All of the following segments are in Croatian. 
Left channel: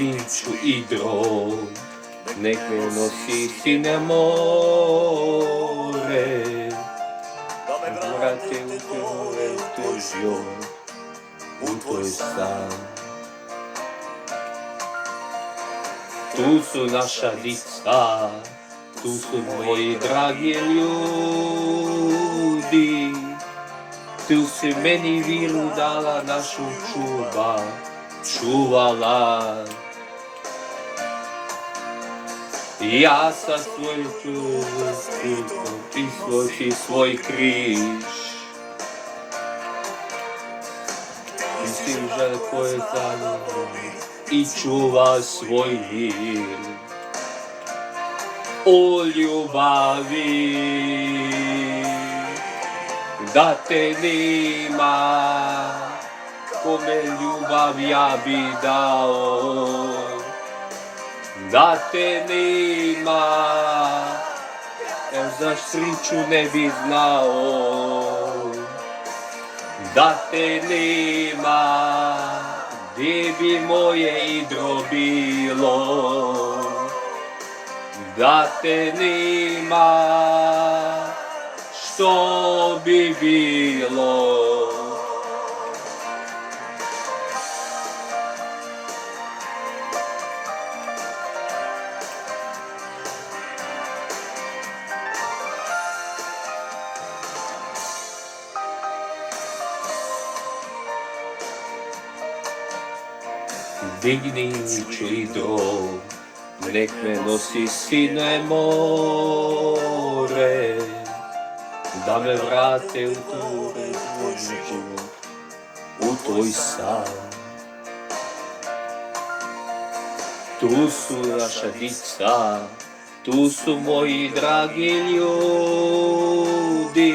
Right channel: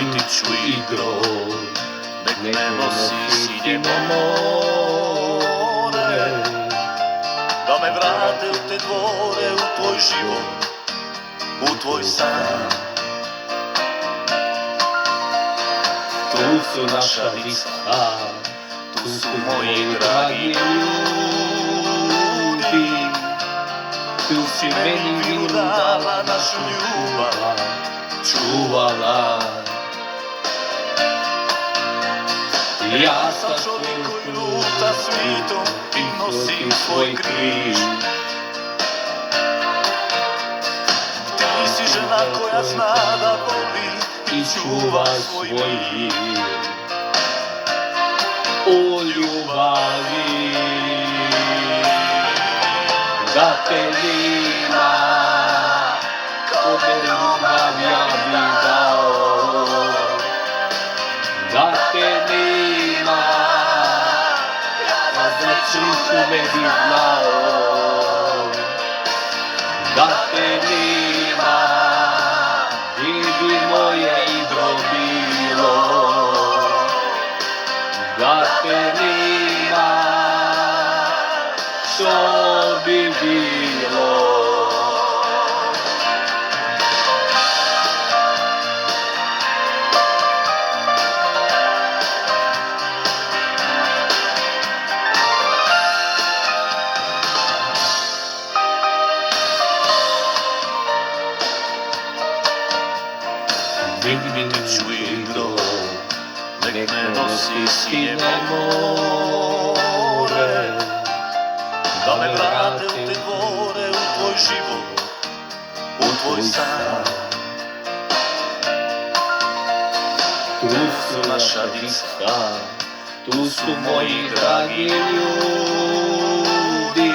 ljudsku igru, nek me nosi sine more, da me vrate u te dvore, u tvoj život, u tvoj san. Tu su naša viska, tu su moji dragi ljudi, tu si meni vilu dala, našu ljubav čuvala. Ja sam svoj puta svitom nosim svoj križ. Ti si žena koja zna da voli i čuva svoj mir. O ljubavi, da te nima, kome ljubav ja bi dao. Da te nima, ja za sreću ne bi znao. Da te nima, gdje bi moje igro bilo. Da te nima, što bi bilo. Digni ću igro, nek me nosi sine more, da me vrate u dvore, u tvoj život, u tvoj san. Tu su naša djeca, tu su moji dragi ljudi,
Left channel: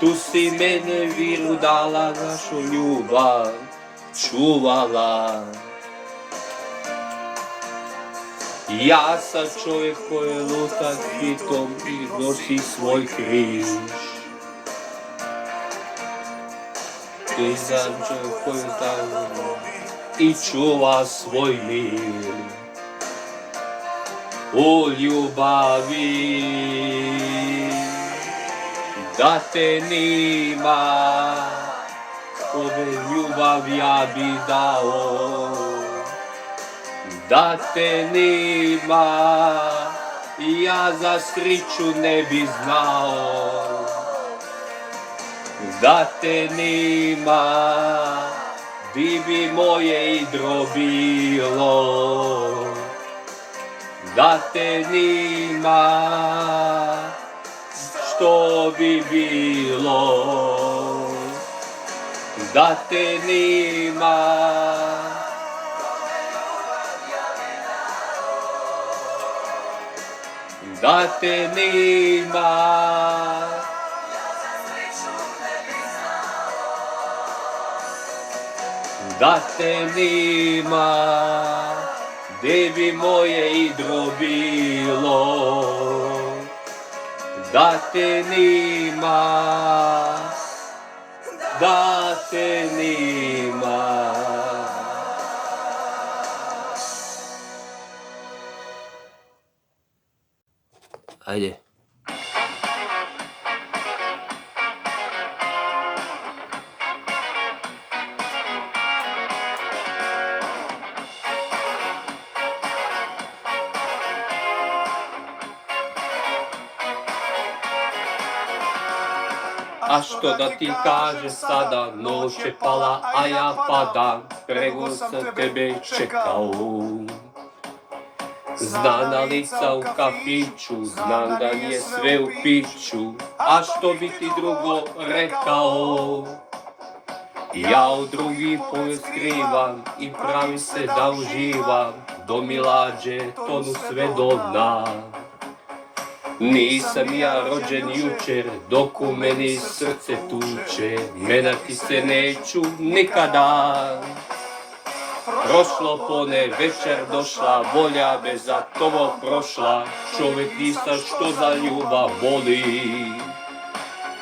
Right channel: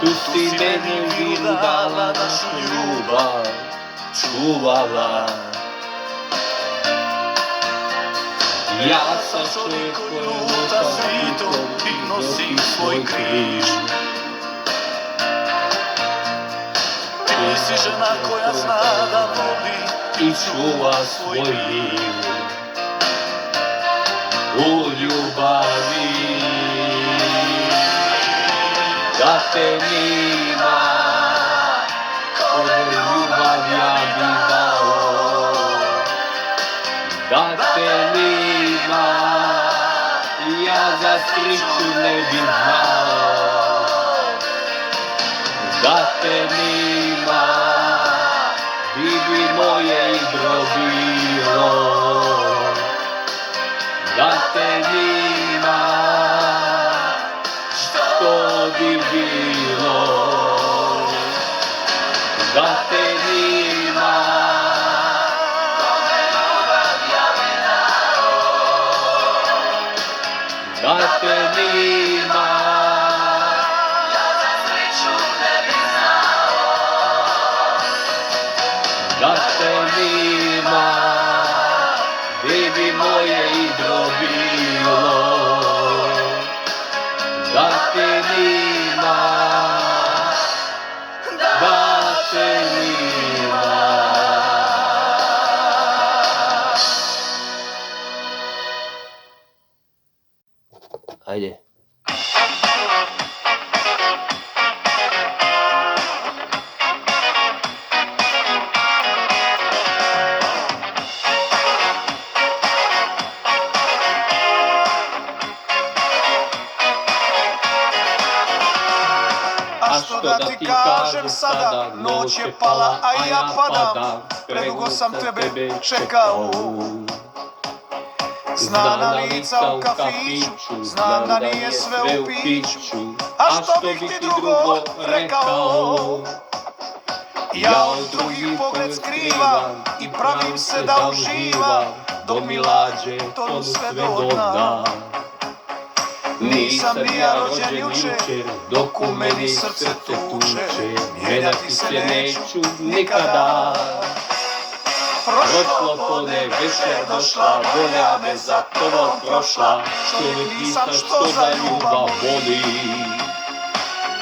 tu si mene vilu dala, našu ljubav čuvala. Ja sam čovjek koji luta svitom i nosi svoj križ. Ti si žena koja zna da voli i čuva svoj mir. O ljubavi, da te nima, kome ljubav ja bi dao. Da te nima, ja za sreću ne bi znao. Da te nima, di bi moje igro bilo. Da te nima, što bi bilo. Da te nima, da te nima, ja za sreću ne bi znao. da te nima, gdje bi moje igro bilo. Da te nima, da te nima. Ajde. A što da ti kažem sada, noć je pala, a ja padam, predugo sam tebe čekao. Znam da lica u kafiću, znam da nije sve u piću, a što bi ti drugo rekao? Ja od drugih pogled skrivam i pravim se da uživam, do mi lađe to sve do dna. Nisam ja rođen jučer, dok u meni srce tuče, gledati se neću nikada. Prošlo pone, večer došla, volja me za tobom prošla, čovjek nisam što za ljubav voli.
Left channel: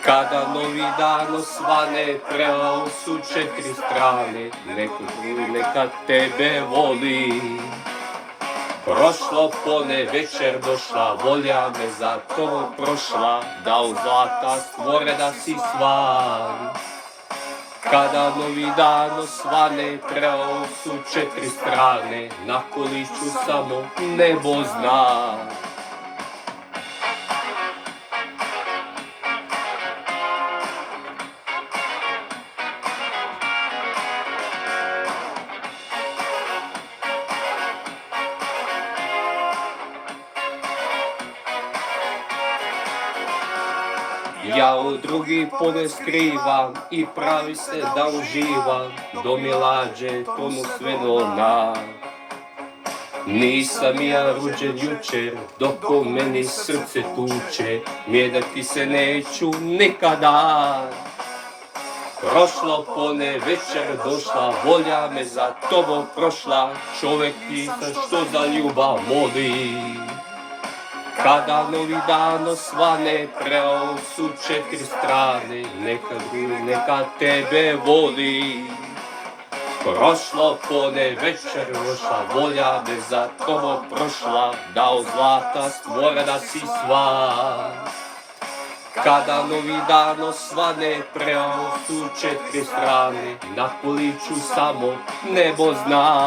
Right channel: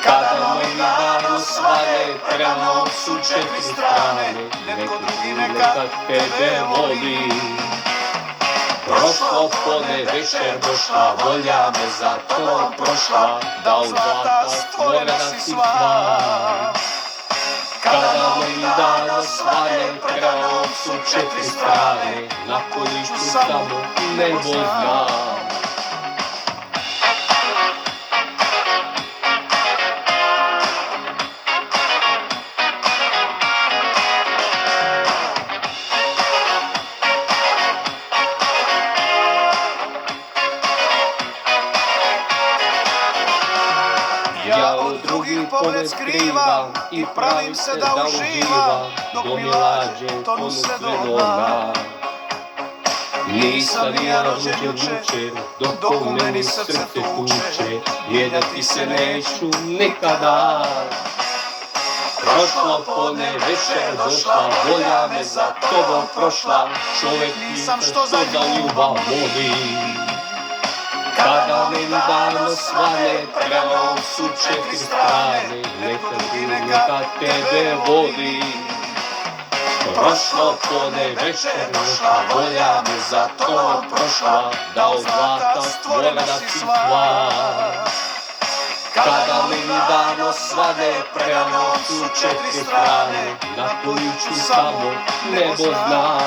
Kada novi dan osvane, trebao su 4 strane, neka tebe voli. Prošlo pone, večer došla, volja me za to prošla, da od zlata stvorena si stvar. Kada novi dan osvane, trebao su 4 strane, na kolišću samo nebo zna. Ja od drugih pone skrivam i pravi se da uživam, do milađe tonu sve do dna. Nisam ja rođen jučer, dok u meni srce tuče, mijenjati se neću nikada. Prošlo pone, večer došla, volja me za tobom prošla, čovjek pita što za ljubav moli. Kada novi dan osvane, trebao su 4 strane, neka tebe voli. Prošlo pone, večer došla, volja me za to prošla, da od zlata stvorena si stvar. Kada novi dan osvane, trebao su 4 strane, na količu samo nebo zna.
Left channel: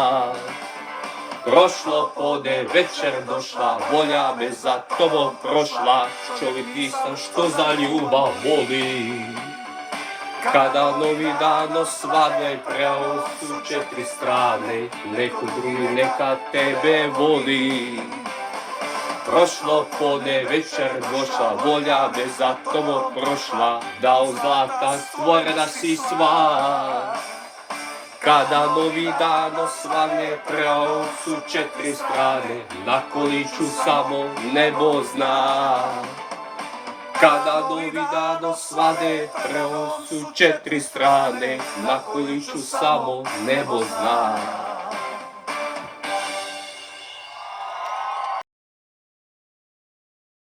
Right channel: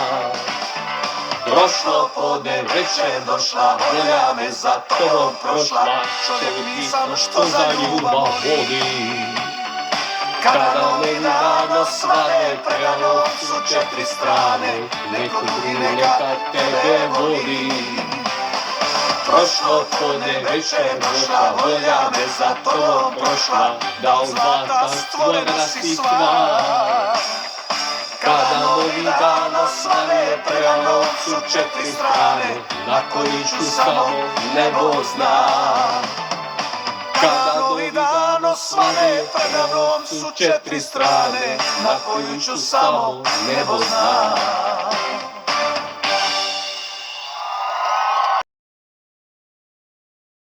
Prošlo pone, večer došla, volja me za tobom prošla, čovjek pita što za ljubav voli. Kada novi dan osvane, trebao su 4 strane, neko drugi neka tebe voli. Prošlo pone, večer došla, volja me za tobom prošla, da od zlata stvorena si stvar. Kada novi dan osvane, trebao su 4 strane, na količu samo nebo zna. Kada novi dan osvane, trebao su 4 strane, na količu samo nebo zna.